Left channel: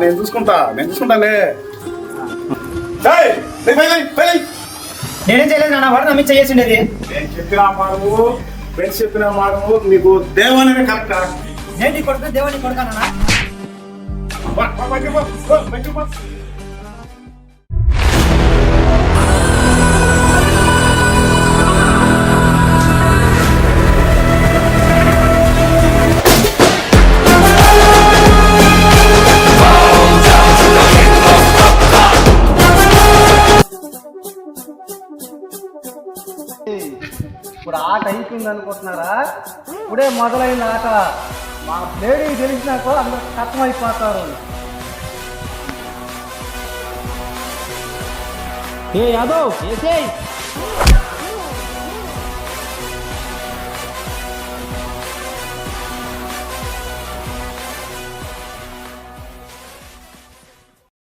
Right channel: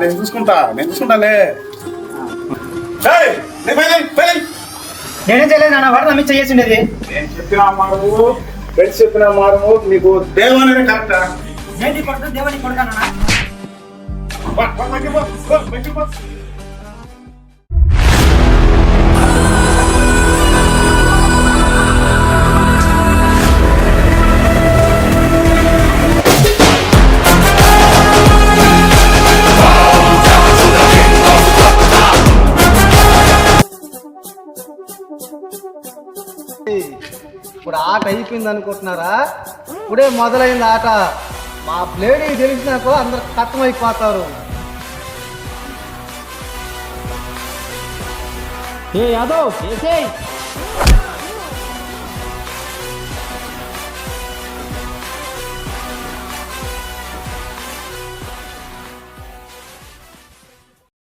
నేను చూసుకుంటాలే. నేనేం చేయలేదు నాన్న, వాడు నమ్మి చేసిండేది. నేను చెప్పిన మారు, ఫ్రెండ్స్ చెప్పిన మారు, నీకు దేవాలనే కరెక్టా? నేను కొడుకు దేవుని కొడుకానా? ఇప్పుడు ఆట అయిపోయింది అనుకుంటున్నారా? ఇప్పుడే మొదలైంది ఆట. మా ప్లేడ్ తెలిసినాకో అందరు కష్టమైపోతారు. ఏ యాదవ్ ఏసేయ్.